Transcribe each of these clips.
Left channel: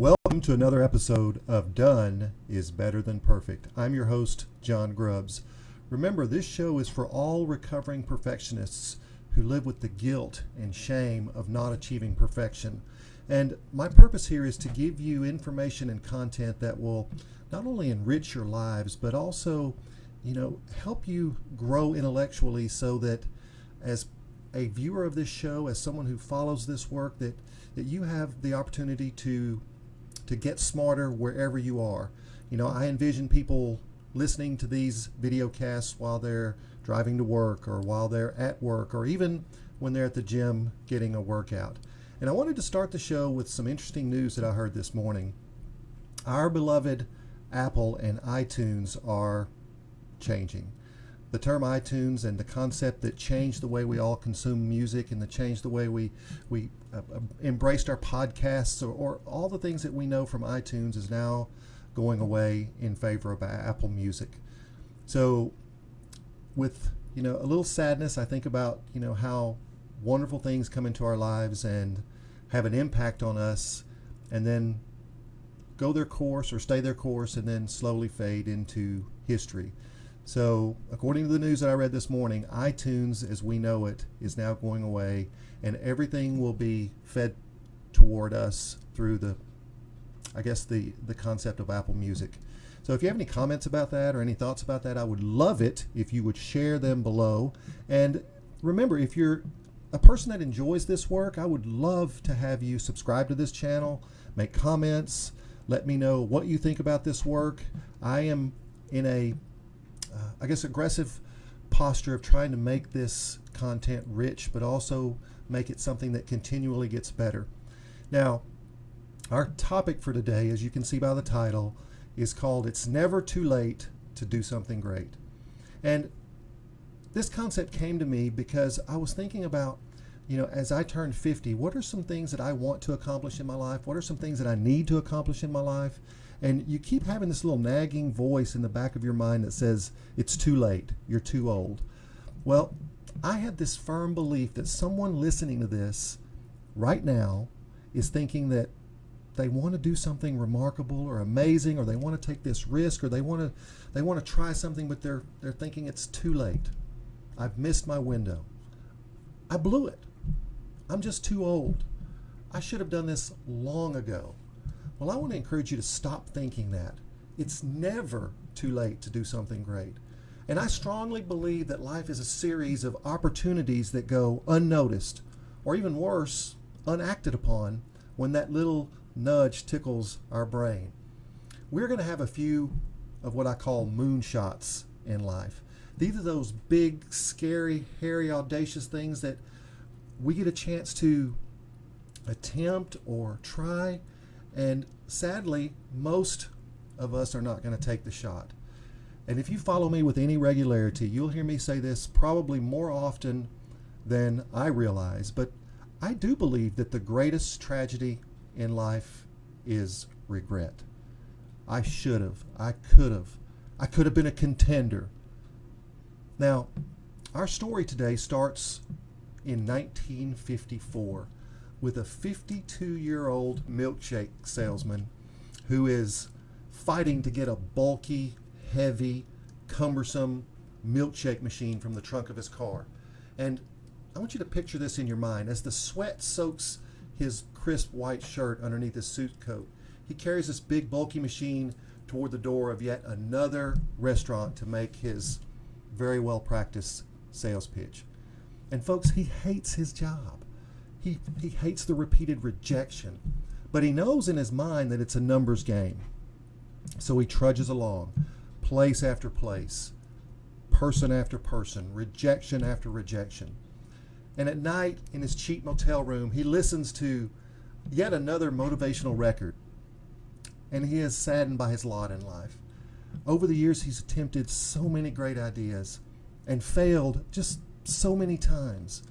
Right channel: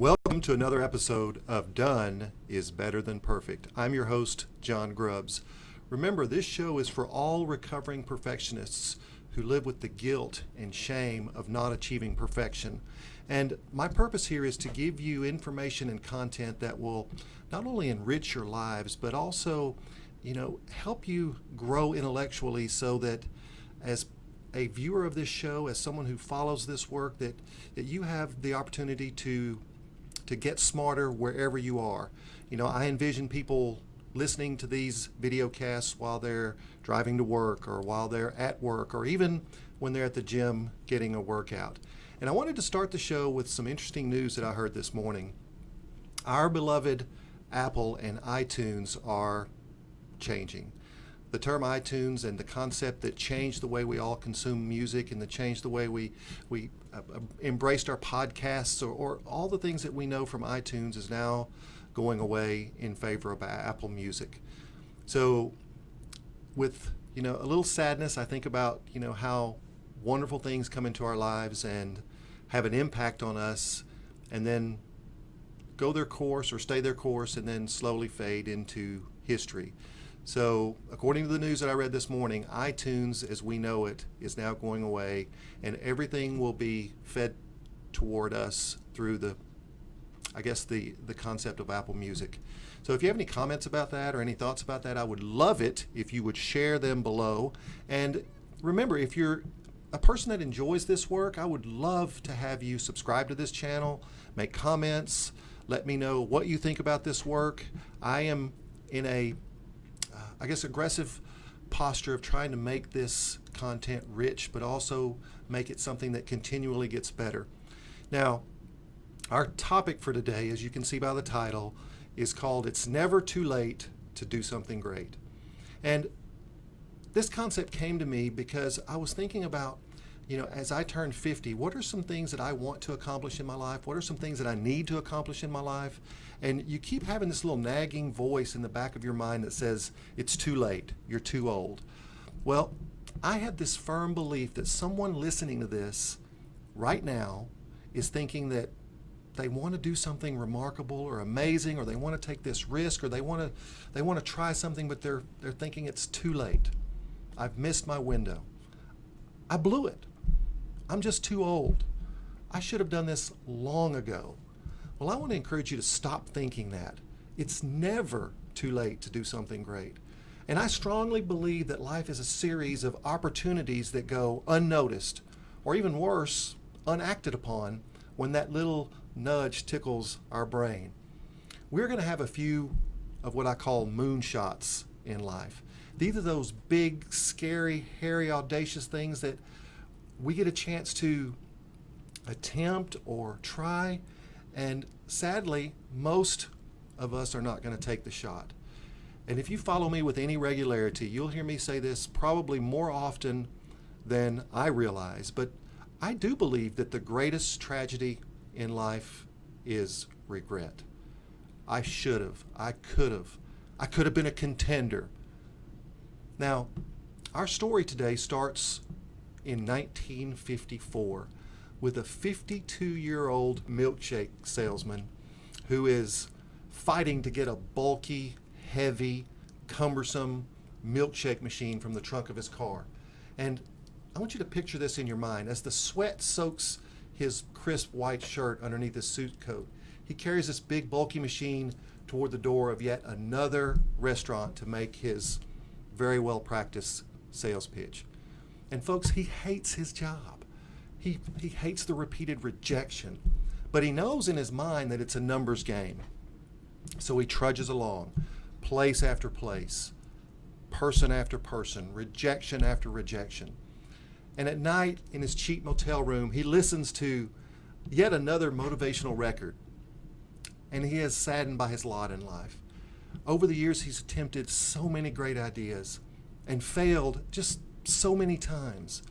Welcome to another episode of Done is Better Than Perfect. I'm your host, John Grubbs. Remember, this show is for all recovering perfectionists who live with the guilt and shame of not achieving perfection. And my purpose here is to give you information and content that will not only enrich your lives, but also, help you grow intellectually so that as a viewer of this show, as someone who follows this work, that you have the opportunity to get smarter wherever you are. I envision people listening to these video casts while they're driving to work or while they're at work or even when they're at the gym getting a workout. And I wanted to start the show with some interesting news that I heard this morning. Our beloved Apple and iTunes are changing. The term iTunes and the concept that changed the way we all consume music and that changed the way we embraced our podcasts or all the things that we know from iTunes is now going away in favor of Apple Music. So with, a little sadness, I think about, how wonderful things come into our lives and have an impact on us and then go their course or stay their course and then slowly fade into history. So, according to the news that I read this morning, iTunes, as we know it, is now going away, and everything will be fed toward us through the concept of Apple Music. So, if you have any comments about that or any thoughts about that, I would love it if you would share them below. And remember, if you're a person that enjoys this work, I would love to have you subscribe to this channel, make comments, let me know what you think about this work. I am in a aggressive posture of trying to make this content rich, but also make it something that continually gets better. Now, our topic for today, as you can see by the title, is called It's Never Too Late to Do Something Great. And this concept came to me because I was thinking about, as I turned 50, what are some things that I want to accomplish in my life? What are some things that I need to accomplish in my life? And you keep having this little nagging voice in the back of your mind that says, it's too late, you're too old. Well, I had this firm belief that someone listening to this right now is thinking that they want to do something remarkable or amazing, or they want to take this risk, or they want to try something, but they're thinking it's too late. I've missed my window. I blew it. I'm just too old. I should have done this long ago. Well, I want to encourage you to stop thinking that. It's never too late to do something great. And I strongly believe that life is a series of opportunities that go unnoticed, or even worse, unacted upon, when that little nudge tickles our brain. We're going to have a few of what I call moonshots in life. These are those big, scary, hairy, audacious things that we get a chance to attempt or try. And sadly, most of us are not going to take the shot. And if you follow me with any regularity, you'll hear me say this probably more often than I realize. But I do believe that the greatest tragedy in life is regret. I should have. I could have been a contender. Now, our story today starts in 1954. With a 52-year-old milkshake salesman who is fighting to get a bulky, heavy, cumbersome milkshake machine from the trunk of his car. And I want you to picture this in your mind. As the sweat soaks his crisp white shirt underneath his suit coat, he carries this big, bulky machine toward the door of yet another restaurant to make his very well-practiced sales pitch. And folks, he hates his job. He hates the repeated rejection, but he knows in his mind that it's a numbers game. So he trudges along, place after place, person after person, rejection after rejection. And at night in his cheap motel room, he listens to yet another motivational record, and he is saddened by his lot in life. Over the years, he's attempted so many great ideas and failed just so many times.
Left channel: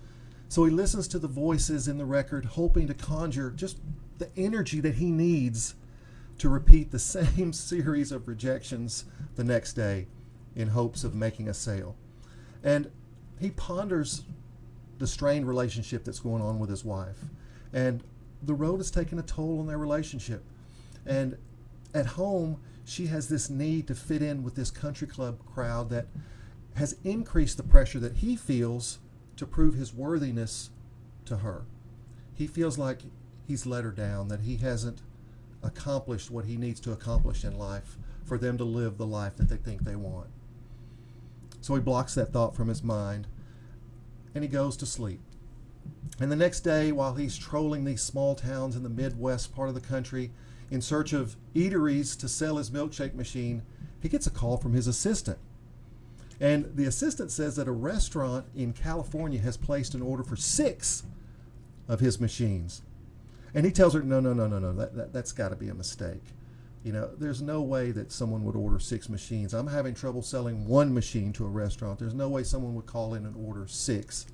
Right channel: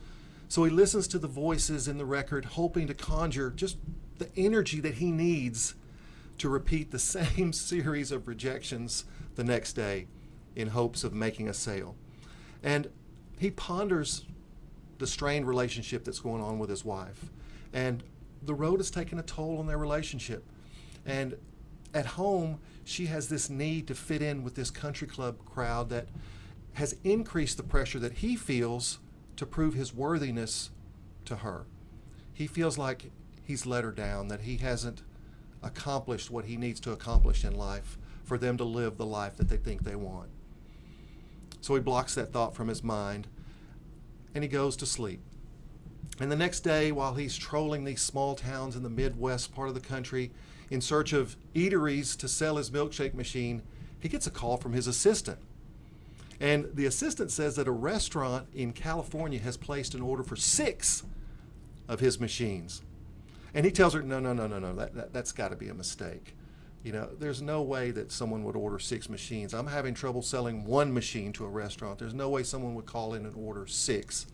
So he listens to the voices in the record, hoping to conjure just the energy that he needs to repeat the same series of rejections the next day in hopes of making a sale. And he ponders the strained relationship that's going on with his wife. And the road has taken a toll on their relationship. And at home, she has this need to fit in with this country club crowd that has increased the pressure that he feels to prove his worthiness to her. He feels like he's let her down, that he hasn't accomplished what he needs to accomplish in life for them to live the life that they think they want. So he blocks that thought from his mind and he goes to sleep. And the next day, while he's trolling these small towns in the Midwest part of the country in search of eateries to sell his milkshake machine, he gets a call from his assistant. And the assistant says that a restaurant in California has placed an order for 6 of his machines. And he tells her, no, that's got to be a mistake. You know, there's no way that someone would order 6 machines. I'm having trouble selling 1 machine to a restaurant. There's no way someone would call in and order 6.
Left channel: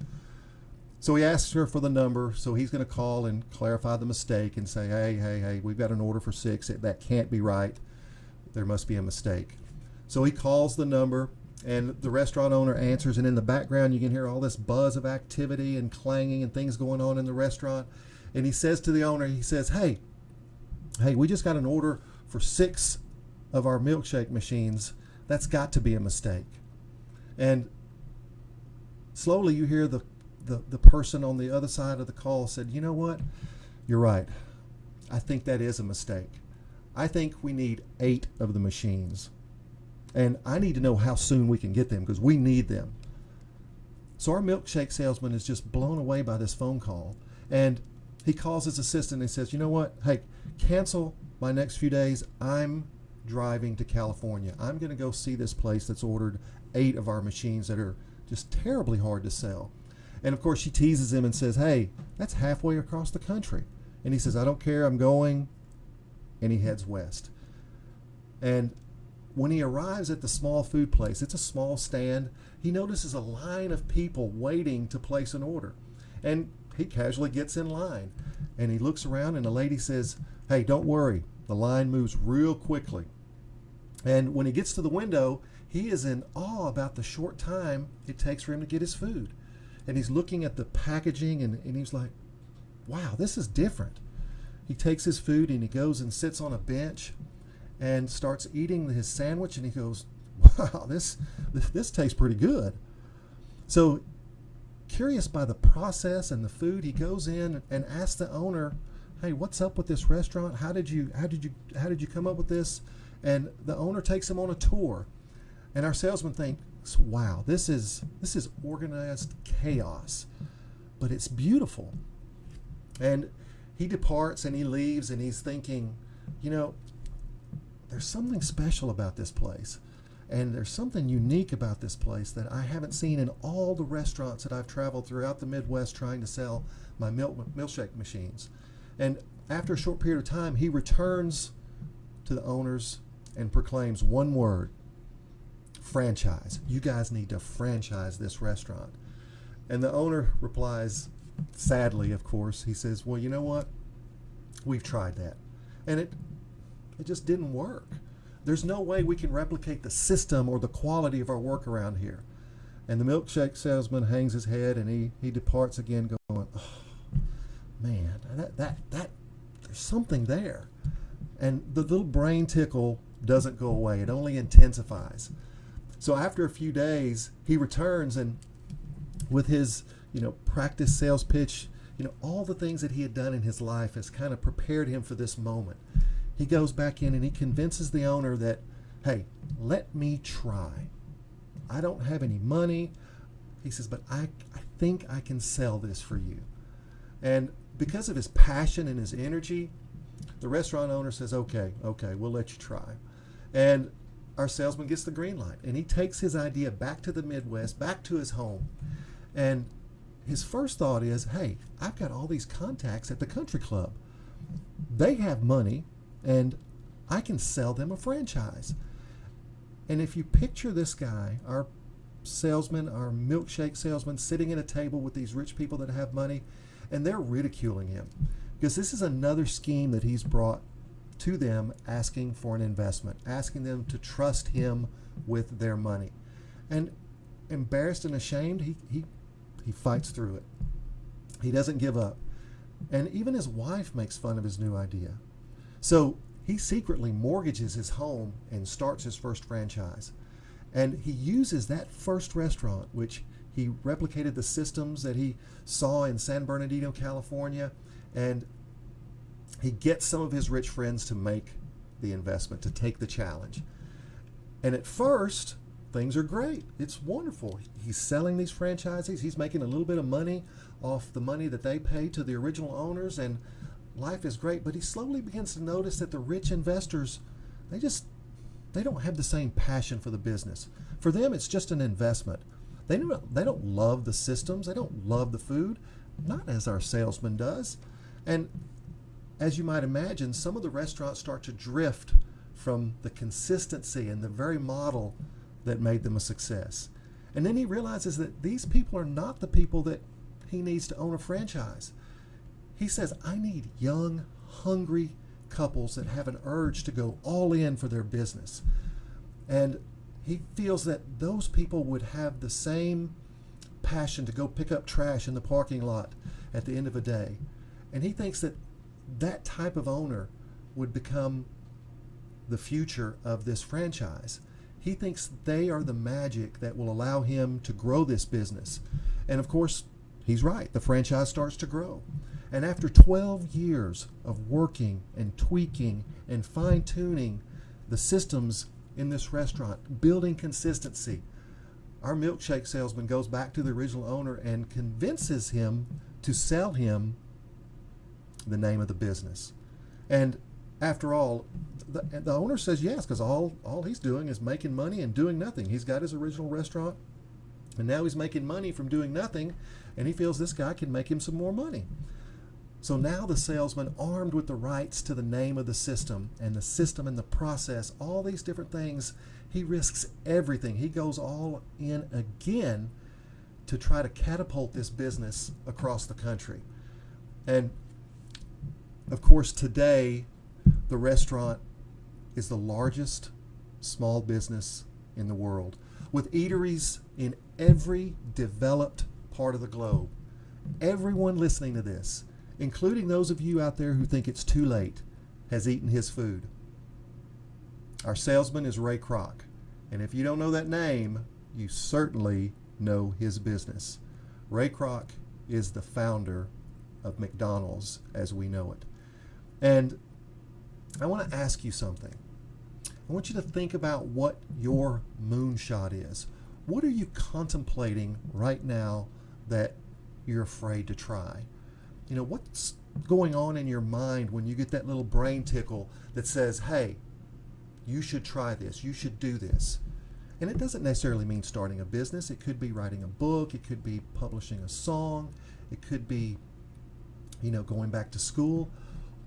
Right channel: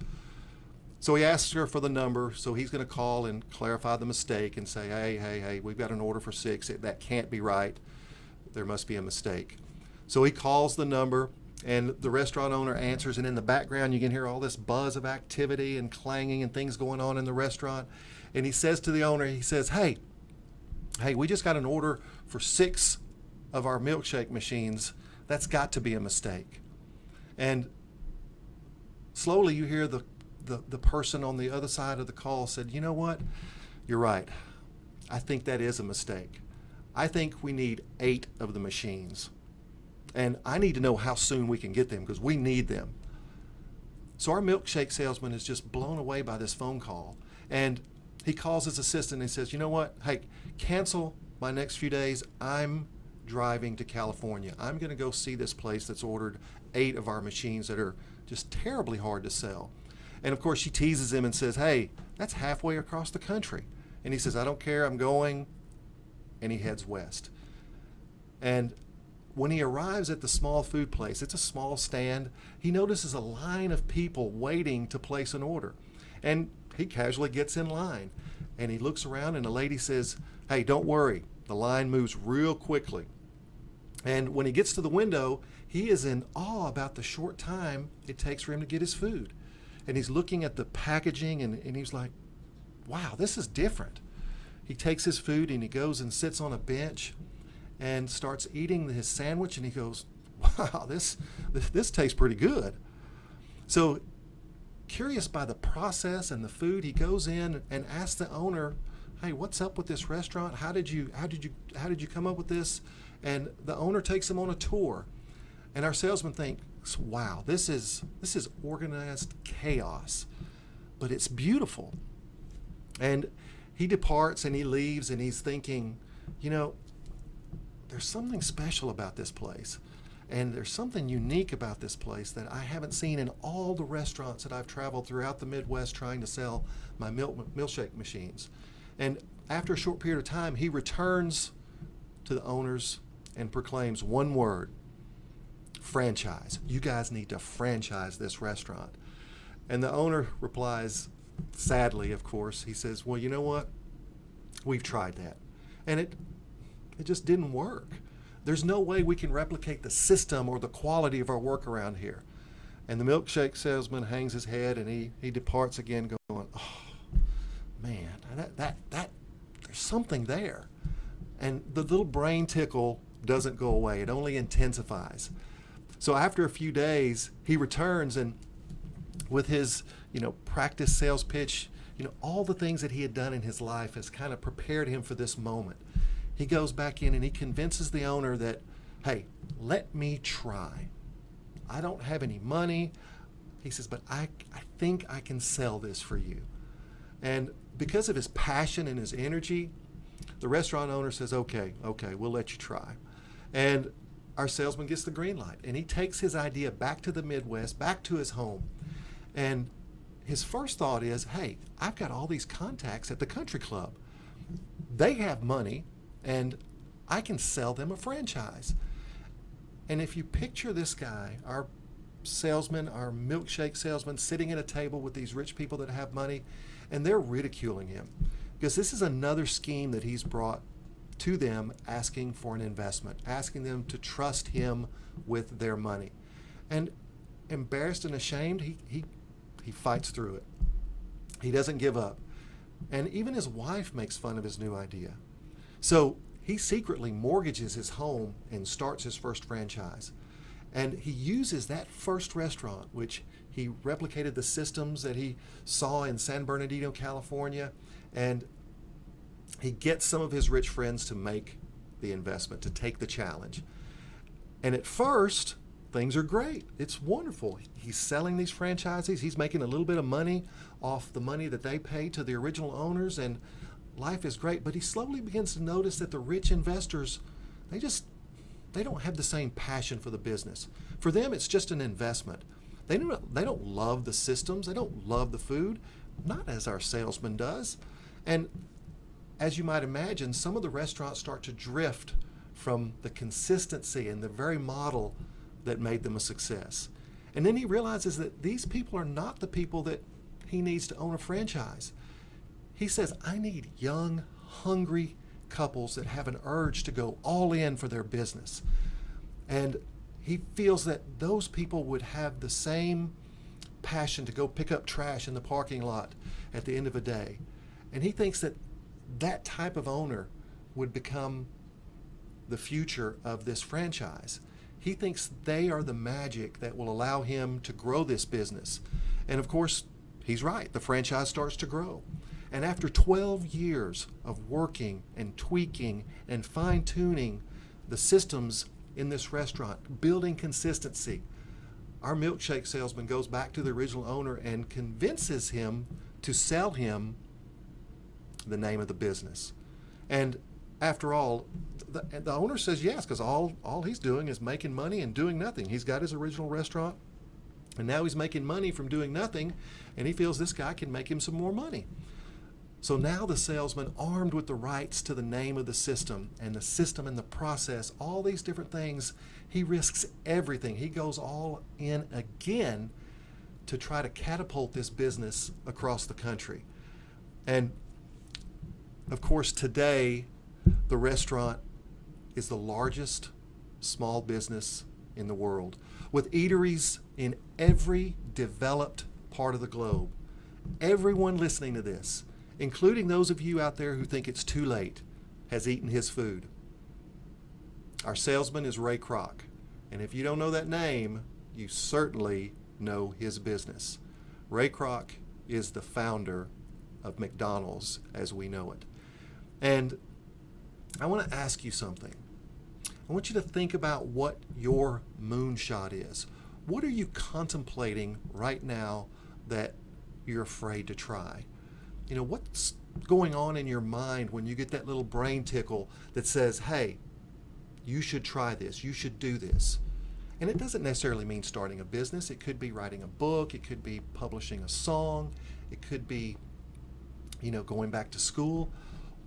So he asks her for the number, so he's going to call and clarify the mistake and say, hey, we've got an order for 6. That can't be right. There must be a mistake. So he calls the number, and the restaurant owner answers, and in the background you can hear all this buzz of activity and clanging and things going on in the restaurant. And he says to the owner, he says, hey, we just got an order for 6 of our milkshake machines. That's got to be a mistake. And slowly you hear the person on the other side of the call said, you know what? You're right. I think that is a mistake. I think we need 8 of the machines. And I need to know how soon we can get them because we need them. So our milkshake salesman is just blown away by this phone call. And he calls his assistant and says, you know what? Hey, cancel my next few days. I'm driving to California. I'm going to go see this place that's ordered 8 of our machines that are just terribly hard to sell. And of course, she teases him and says, hey, that's halfway across the country. And he says, I don't care, I'm going. And he heads west. And when he arrives at the small food place, it's a small stand, he notices a line of people waiting to place an order. And he casually gets in line. And he looks around and a lady says, hey, don't worry, the line moves real quickly. And when he gets to the window, he is in awe about the short time it takes for him to get his food. And he's looking at the packaging and he's like, wow, this is different. He takes his food and he goes and sits on a bench and starts eating his sandwich, and he goes, wow, this tastes pretty good. So curious by the process and the food, he goes in and asks the owner, hey, what's up with this restaurant? How did you come up with this? And the owner takes him on a tour. And our salesman thinks, wow, this is organized chaos, but it's beautiful. And he departs and he leaves and he's thinking, you know, there's something special about this place. And there's something unique about this place that I haven't seen in all the restaurants that I've traveled throughout the Midwest trying to sell my milkshake machines. And after a short period of time, he returns to the owners and proclaims one word: franchise. You guys need to franchise this restaurant. And the owner replies, sadly, of course, he says, well, you know what? We've tried that. And it just didn't work. There's no way we can replicate the system or the quality of our work around here. And the milkshake salesman hangs his head and he departs again going, oh, man, that there's something there. And the little brain tickle doesn't go away. It only intensifies. So after a few days, he returns and with his, practice sales pitch, all the things that he had done in his life has kind of prepared him for this moment. He goes back in and he convinces the owner that, hey, let me try. I don't have any money. He says, but I think I can sell this for you. And because of his passion and his energy, the restaurant owner says, okay, we'll let you try. And our salesman gets the green light, and he takes his idea back to the Midwest, back to his home. And his first thought is, hey, I've got all these contacts at the country club. They have money, and I can sell them a franchise. And if you picture this guy, our salesman, our milkshake salesman, sitting at a table with these rich people that have money, and they're ridiculing him, because this is another scheme that he's brought to them, asking for an investment, asking them to trust him with their money. And embarrassed and ashamed, he fights through it. He doesn't give up. And even his wife makes fun of his new idea. So he secretly mortgages his home and starts his first franchise. And he uses that first restaurant, which he replicated the systems that he saw in San Bernardino, California, and he gets some of his rich friends to make the investment, to take the challenge. And at first, things are great. It's wonderful. He's selling these franchises. He's making a little bit of money off the money that they paid to the original owners, and life is great. But he slowly begins to notice that the rich investors, they don't have the same passion for the business. For them, it's just an investment. They don't love the systems. They don't love the food, not as our salesman does. And as you might imagine, some of the restaurants start to drift from the consistency and the very model that made them a success. And then he realizes that these people are not the people that he needs to own a franchise. He says, I need young, hungry couples that have an urge to go all in for their business. And he feels that those people would have the same passion to go pick up trash in the parking lot at the end of a day. And he thinks that that type of owner would become the future of this franchise. He thinks they are the magic that will allow him to grow this business. And of course, he's right. The franchise starts to grow. And after 12 years of working and tweaking and fine-tuning the systems in this restaurant, building consistency, our milkshake salesman goes back to the original owner and convinces him to sell him the name of the business. And after all, the owner says yes, because all he's doing is making money and doing nothing. He's got his original restaurant, and now he's making money from doing nothing, and he feels this guy can make him some more money. So now the salesman, armed with the rights to the name of the system and the process, all these different things, he risks everything. He goes all in again to try to catapult this business across the country. And of course, today, the restaurant is the largest small business in the world, with eateries in every developed part of the globe. Everyone listening to this, including those of you out there who think it's too late, has eaten his food. Our salesman is Ray Kroc, and if you don't know that name, you certainly know his business. Ray Kroc is the founder of McDonald's as we know it. And I want to ask you something. I want you to think about what your moonshot is. What are you contemplating right now that you're afraid to try? You know, what's going on in your mind when you get that little brain tickle that says, hey, you should try this, you should do this? And it doesn't necessarily mean starting a business. It could be writing a book. It could be publishing a song. It could be, going back to school.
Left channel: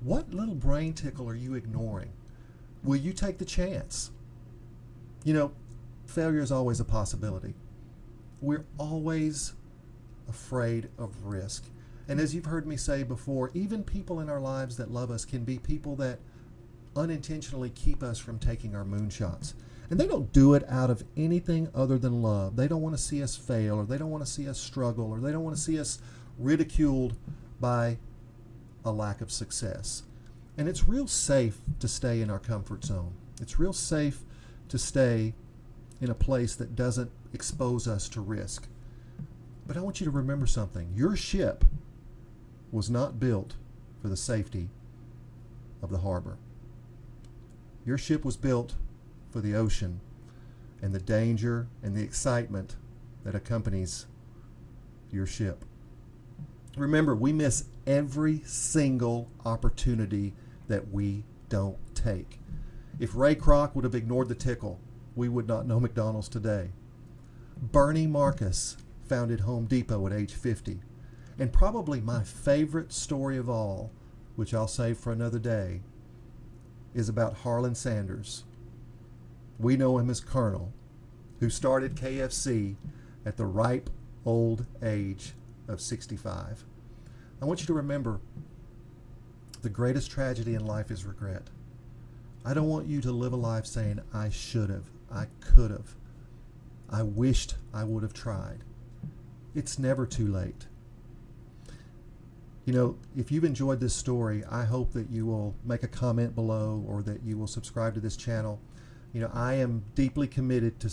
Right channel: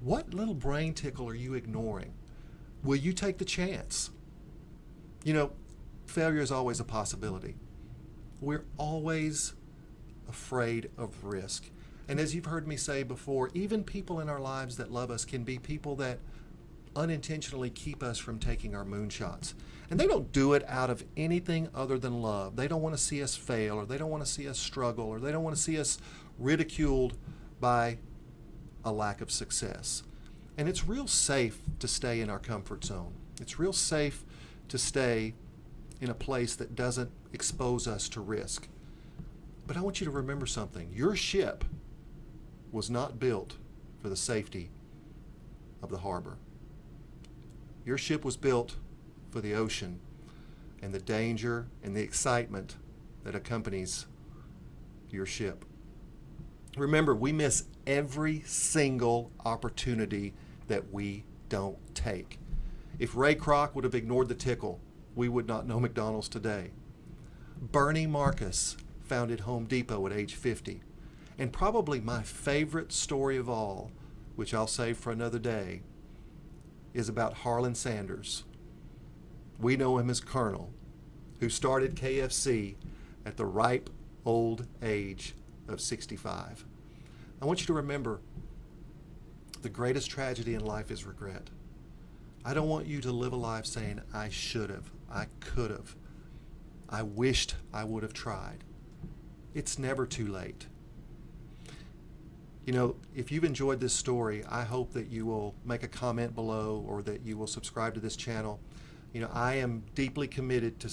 What little brain tickle are you ignoring? Will you take the chance? Failure is always a possibility. We're always afraid of risk. And as you've heard me say before, even people in our lives that love us can be people that unintentionally keep us from taking our moonshots. And they don't do it out of anything other than love. They don't want to see us fail, or they don't want to see us struggle, or they don't want to see us ridiculed by a lack of success. And it's real safe to stay in our comfort zone. It's real safe to stay in a place that doesn't expose us to risk. But I want you to remember something. Your ship was not built for the safety of the harbor. Your ship was built for the ocean and the danger and the excitement that accompanies your ship. Remember, we miss every single opportunity that we don't take. If Ray Kroc would have ignored the tickle, we would not know McDonald's today. Bernie Marcus founded Home Depot at age 50. And probably my favorite story of all, which I'll save for another day, is about Harlan Sanders. We know him as Colonel, who started KFC at the ripe old age of 65. I want you to remember, the greatest tragedy in life is regret. I don't want you to live a life saying, I should have, I could have, I wished I would have tried. It's never too late. If you've enjoyed this story, I hope that you will make a comment below or that you will subscribe to this channel. I am deeply committed to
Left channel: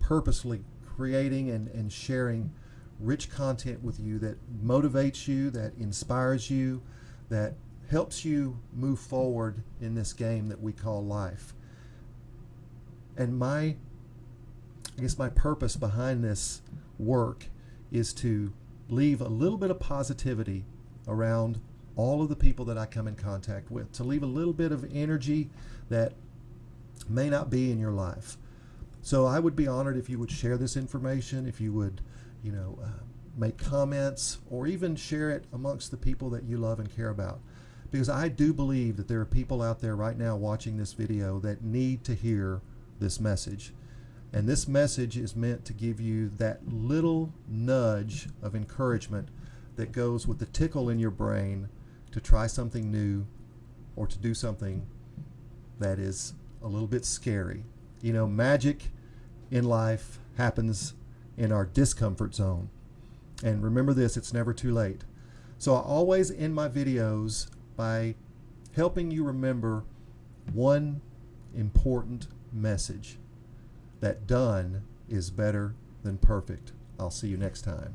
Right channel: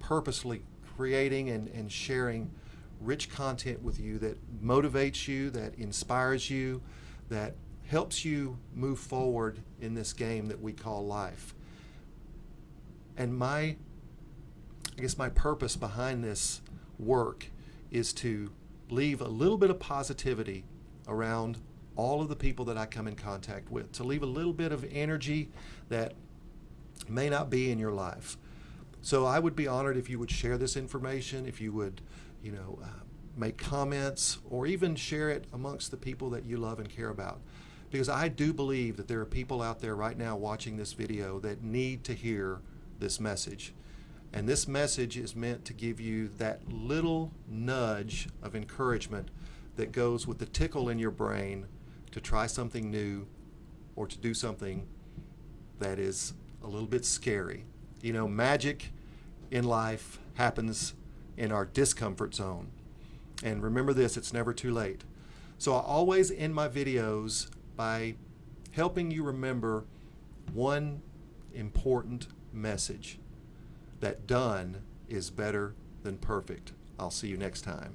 purposely creating and sharing rich content with you that motivates you, that inspires you, that helps you move forward in this game that we call life. And I guess my purpose behind this work is to leave a little bit of positivity around all of the people that I come in contact with, to leave a little bit of energy that may not be in your life. So I would be honored if you would share this information, if you would, make comments, or even share it amongst the people that you love and care about. Because I do believe that there are people out there right now watching this video that need to hear this message. And this message is meant to give you that little nudge of encouragement that goes with the tickle in your brain to try something new or to do something that is a little bit scary. Magic in life happens in our discomfort zone. And remember this, it's never too late. So I always end my videos by helping you remember one important message: that done is better than perfect. I'll see you next time.